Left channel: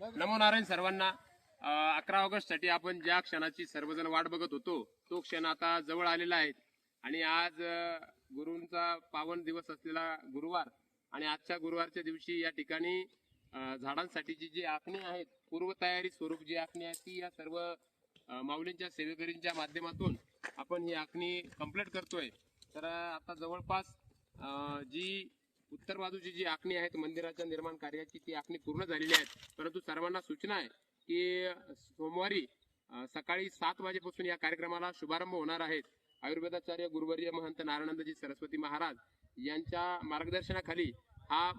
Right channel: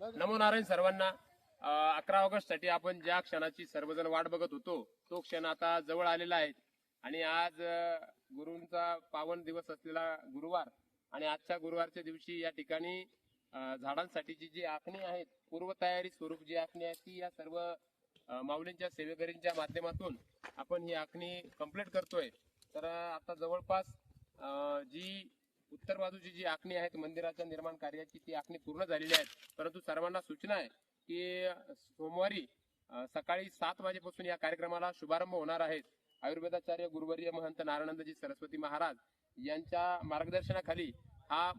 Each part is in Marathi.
नमो नारायण सर्वांना. 11 ऑगस्ट साठी आपण ज्या क्षणाची सर्वजण वाट बघत होतो तो क्षण आता जवळ आलेला आहे. आणि आज गुरूंचा पावन दिवस असलेला गुरुवार आणि आजच्या गुरुवारच्या दिवशी या ठिकाणी झाडांसाठीची जी आखणी आहे, पूर्वतयारी स्वरूप जी आखणी आहे ती या सर्व माऊलींच्या सेवेकरींच्या माध्यमातून आपण ही आखणी कंप्लीट करतोय. तर आता जवळपास जी उत्तर बाजूची जी आखणी आहे मंदिराच्या निर्माण कार्याची ती आखणी पूर्ण झालेली आहे. परंतु सर्वांना सूचना आहे की सोमवारी सकाळी 7 वाजेपासून या कार्यक्रमाला शुभारंभ होणार आहे. आयुर्वेदाचार्य गुरुवर्य महंत नारायणानंदजी सरस्वती महाराज यांच्या मार्गदर्शनाखाली हा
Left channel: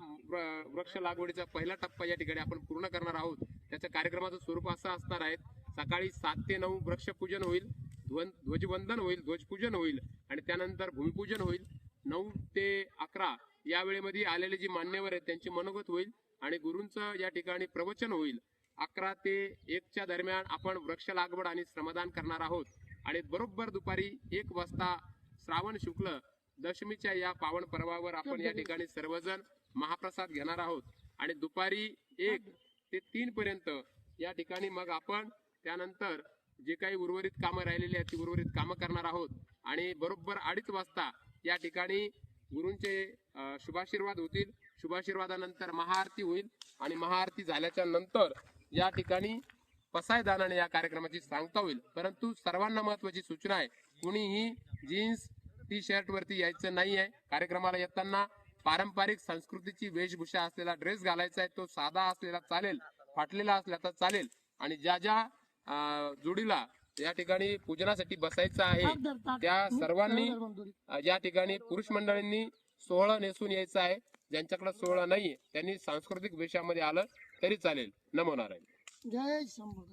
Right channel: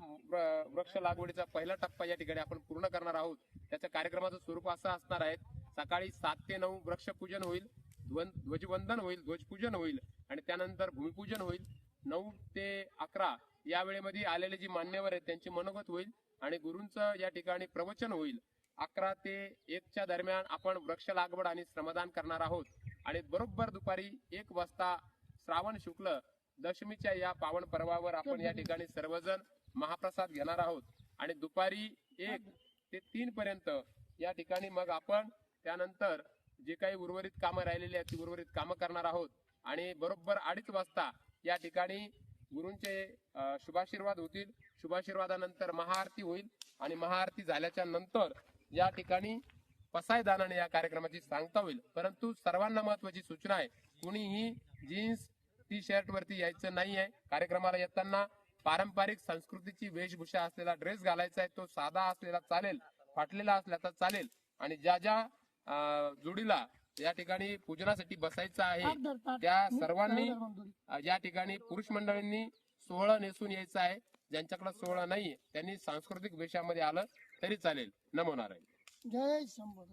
वृक्ष लागवडीचा पहिला टप्पा या ठिकाणी आपण पूर्ण करणार आहोत. त्याच्या कार्यक्रमाचं स्वरूप असं असणार आहे: सकाळी 7 ते 9 वृक्षपूजन होईल, ध्वजवंदन होईल, ध्वजपूजन होईल आणि त्यानंतर भूमिपूजन होईल. 9 ते 11 या वेळेमध्ये आलेले जे मान्यवर आहेत त्यांचे मनोगत होईल आणि गुरूंचं या ठिकाणी प्रवचन होईल. 11 ते 1च्या दरम्यान आपण वृक्ष लागवड आणि श्रमदान करणार आहोत आणि बरोबर दुपारी 1 वाजता श्रावण शुक्ल दशमीच्या या पावन पर्वावर आपण या ठिकाणी सर्वजण महाप्रसाद घेणार आहोत आणि दुपारी 1 ते 3 पर्यंत या ठिकाणी मग आपण त्यानंतर जे काही उर्वरित कामं राहिलेली आहेत ती उर्वरित कामं करणार आहोत आणि बरोबर 2:30 वाजता या ठिकाणी गुरूंचे शुभाशीर्वाद होतील. शुभाशीर्वादानंतर महाआरती होईल आणि महाआरती झाल्याच्या नंतर या ठिकाणी पसायदानाने या कार्यक्रमाची सांगता होईल. परंतु सर्वांना महत्वाची सूचना आहे, कुणीही जीन्स टी शर्ट वरती यायचं नाही आहे. कार्यक्रमाला येताना पारंपरिक संस्कृतीची वेशभूषा असलेला ड्रेस घालायचा आहे. तो साधा असलेला चालेल, फाटलेला असला तर चालेल. आणि ज्या ज्या जोडीला या ठिकाणी पूजनासाठी बसायचं आहे त्या सर्वांनी या ठिकाणी पुरुष मंडळींनी सोहळं नेसून यायचं आहे. ज्यांच्याकडे सोहळा नाहीये त्यांनी सांस्कृतिक वेशामध्ये आलं तरी चालेल. नमो नारायण. जय शंभू.